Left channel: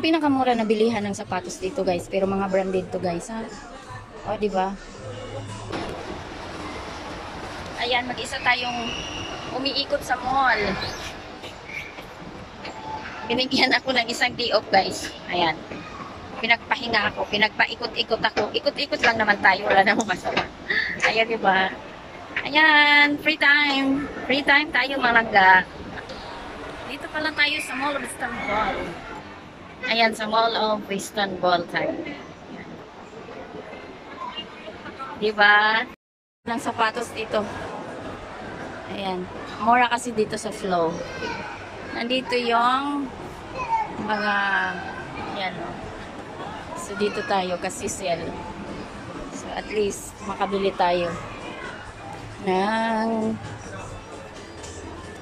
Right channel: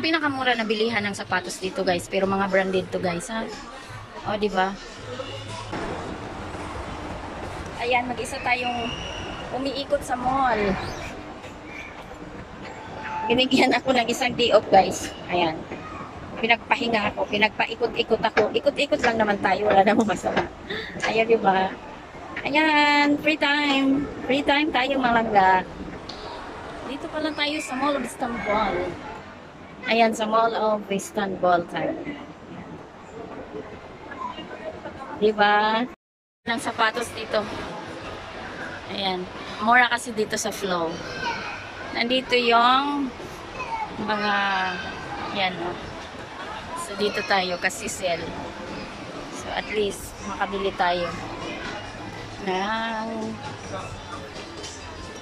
ang pinakamura na bilihan ng sapatos dito, guys. Pero mga branded to, guys, ha? O, diba? Ayan, mag-isa tayong umiikot sa mall. Binigyan ako ng isang day off, guys. Ayan. Pinagpahinga ako. Pinagpaikot-ikot ako. Ikot-ikot lang naman tayo. Wala namang masama. Ayan, diba? Ayan, free time. Free time tayo, mga langga. Dito pala tayo sa Mall of Istanbul. Ayan, sa Mall of Istanbul tayo. Ayan. Diba? Ng sapatos dito. Ayan. Mura kasi dito sa Flow. Nandito yung mga yan, no? So, dito tayo kasi sale. So, at least, makabili tayo ng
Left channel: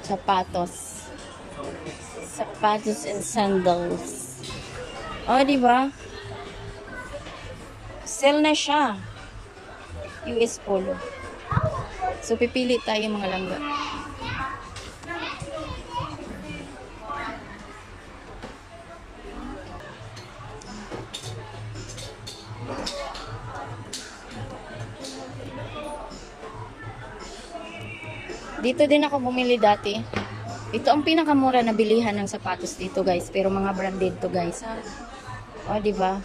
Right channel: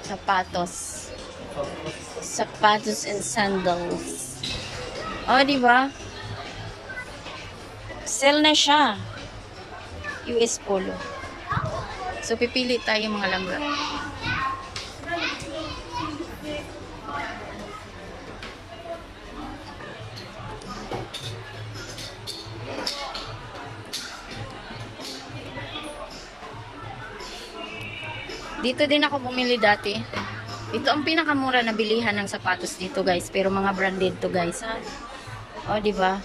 sapatos. Sapatos and sandals. Oh, diba? Sale na siya. US Polo. So, pipili tayo mga langga. Dito din ako bumili dati. Ito ang pinakamura na bilihan ng sapatos dito, guys. Pero mga branded to, guys. O, diba?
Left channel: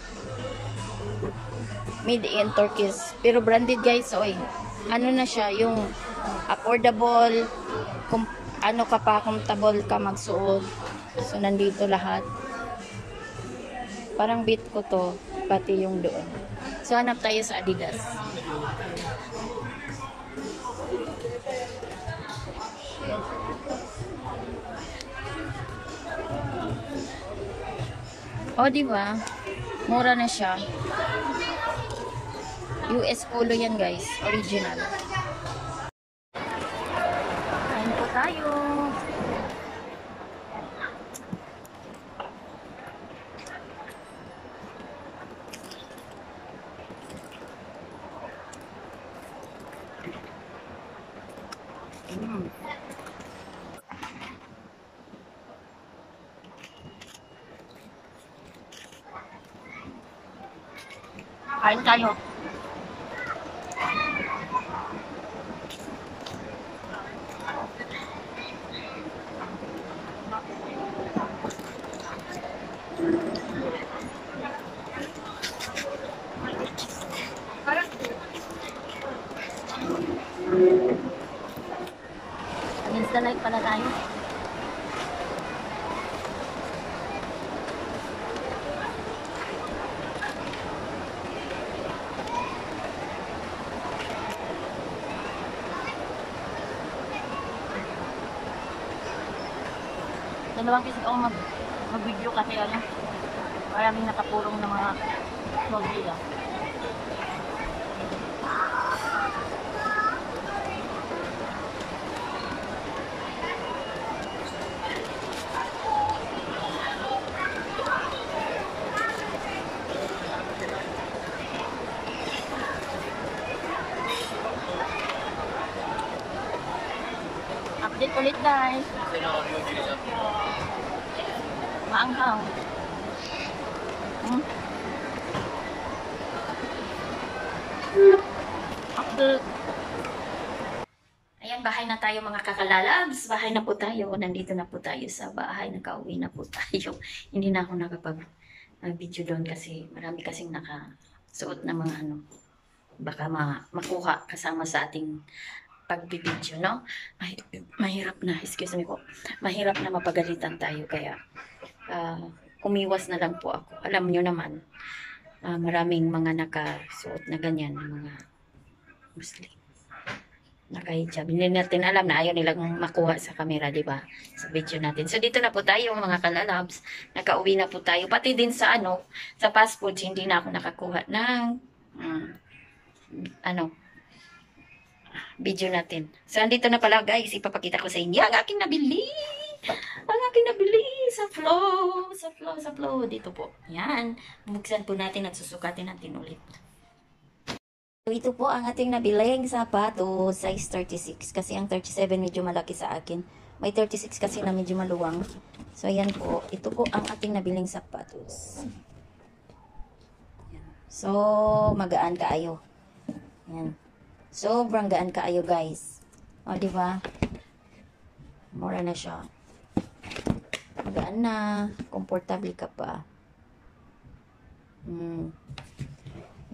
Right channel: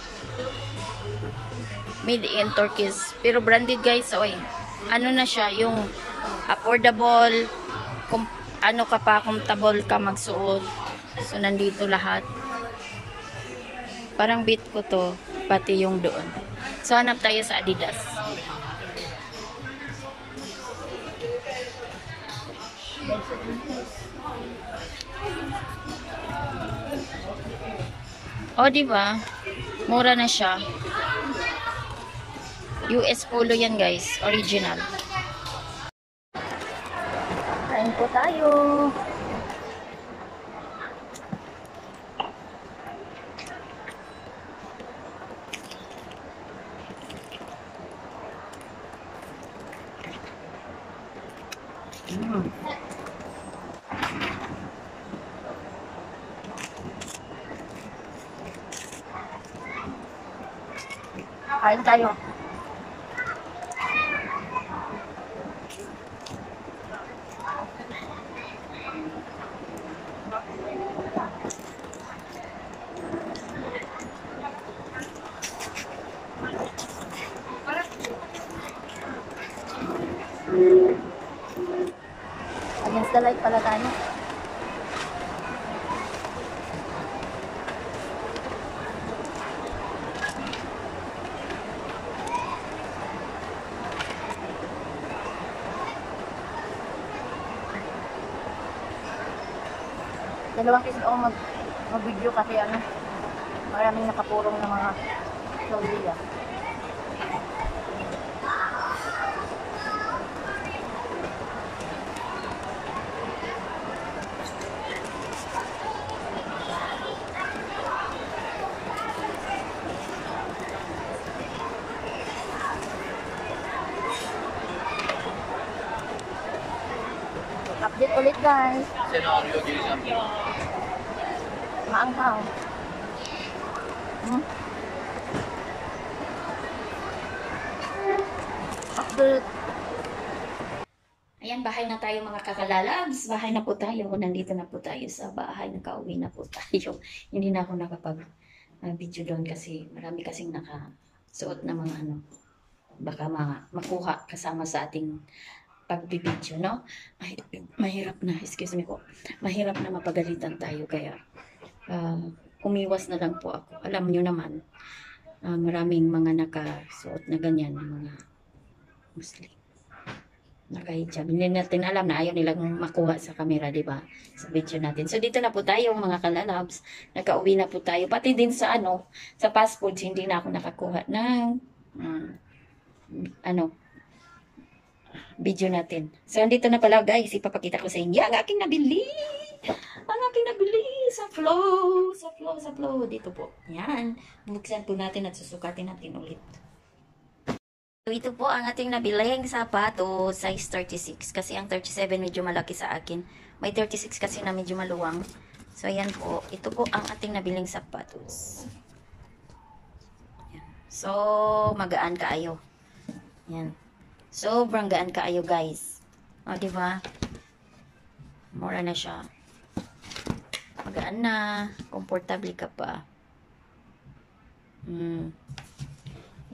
Made in Turkey. Pero branded, guys. Oy. Ano na siya, yung affordable, ano ka pa, comfortable ka magsuot. So, nandito lahat. Parang beat ko to, pati yung doon. So, hanap tayo sa Adidas. O, diba? Mura na siya. US Polo yan, guys. Original. Kain po tayo. Kain tayo. Against the light pala tayo. Dalawang kiss ako mag-video kasi ano, maraming nakapurong ng mga lobby ah. Update ulit, guys. Maanghaw. Update. Ayan, bahay na tayo mga kakalalabs. Bahay na po tayo. Nandito na po tayo sa bahay. Nakauwi na po tayo. Hindi na ako nakapag-video doon kasi marami kasing nakasuot na mga ano. Baka makuha kasama sa ating pagbibideo, no? Mahirap na, excuse me po. Mahirap na mapagalitan tayo kaya umiwas na lang po ako. Alam nyo naman, maraming mga nakasuot na ganyan, mga Muslim. Nakahijab. Hindi natin alam na ayaw nilang makuha sa camera, di ba? Sa video natin. So, dito na po tayo, mga kalalabs. Nakauwi na po tayo. Pati din sa sa fast foods, hindi na ako nakakuha ng video natin. So, andito na pala, guys. Ipapakita ko sa inyo ang aking nabili. Ang aking nabili sa flow. Dito po. Yan. Bubuksan po natin at susukatin natin ulit. So, ito po ang ating nabiling sapatos, size 36. Kasi ang 37 medyo malaki sa akin. May 36 kasi na medyo maluwang. So, ayan po. Ito po ang ating nabiling sapatos. Ayan. So, magaan kaayo. Ayan. Sobrang gaan kaayo, guys. O, diba? Mura na siya. Magaan na. Komportable ka pa.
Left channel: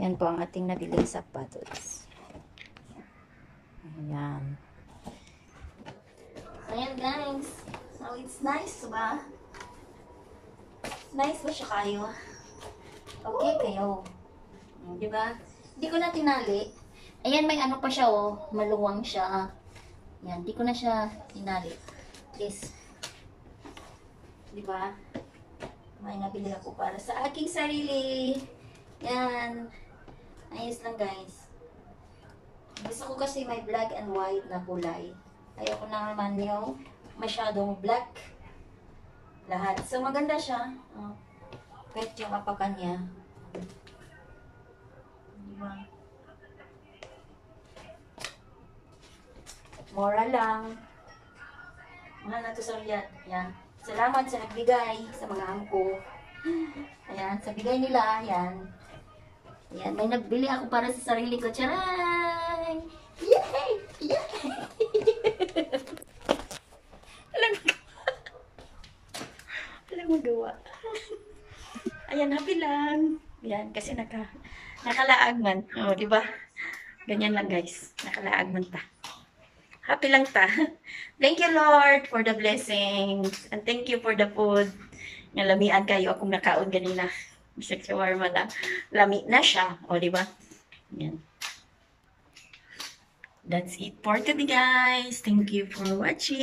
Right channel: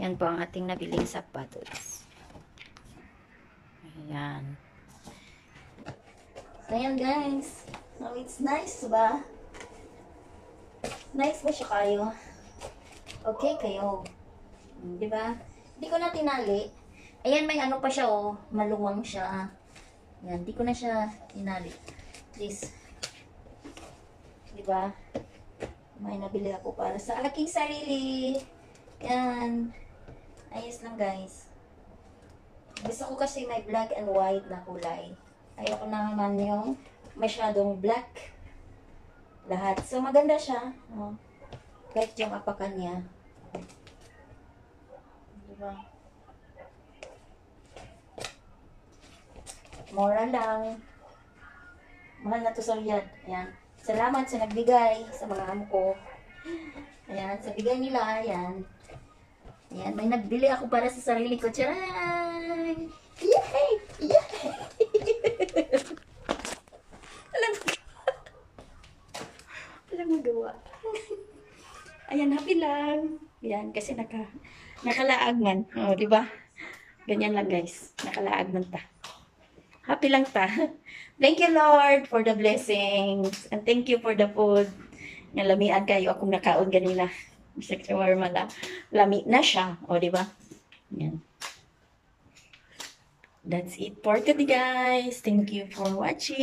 Yan po ang ating nabiling sapatos. Ayan. So, ayan, guys. So, it's nice ba? Nice ba siya kayo? Okay kayo. Diba? Hindi ko na tinali. Ayan, may ano pa siya, oh. Maluwang siya. Yan, di ko na siya tinali. Please. Diba? May nabili ako para sa aking sarili. Yan. Ayos lang, guys. Gusto ko kasi may black and white na kulay. Ayoko na naman yung masyadong black. Lahat. So, maganda siya. Oh. Kahit yung apakan niya. Diba? Mura lang. Mahal na to sa Riyadh. Ayan. Salamat sa nagbigay sa mga amo ko. Ayan. Sa bigay nila. Ayan. Ayan. May nagbili ako para sa sarili ko. Charay! Yay! Yay! Walang magawa. Ayan. Happy lang. Ayan. Kasi nakalaag man. O, diba? Ganyan lang, guys. Nakalaag man ta. Happy lang ta. Thank you, Lord, for the blessings. And thank you for the food. Nga lamian kayo akong nakaon ganina. Bisag shawarma na. Lami na siya. O, diba? Yan. That's it for today, guys. Thank you for watching.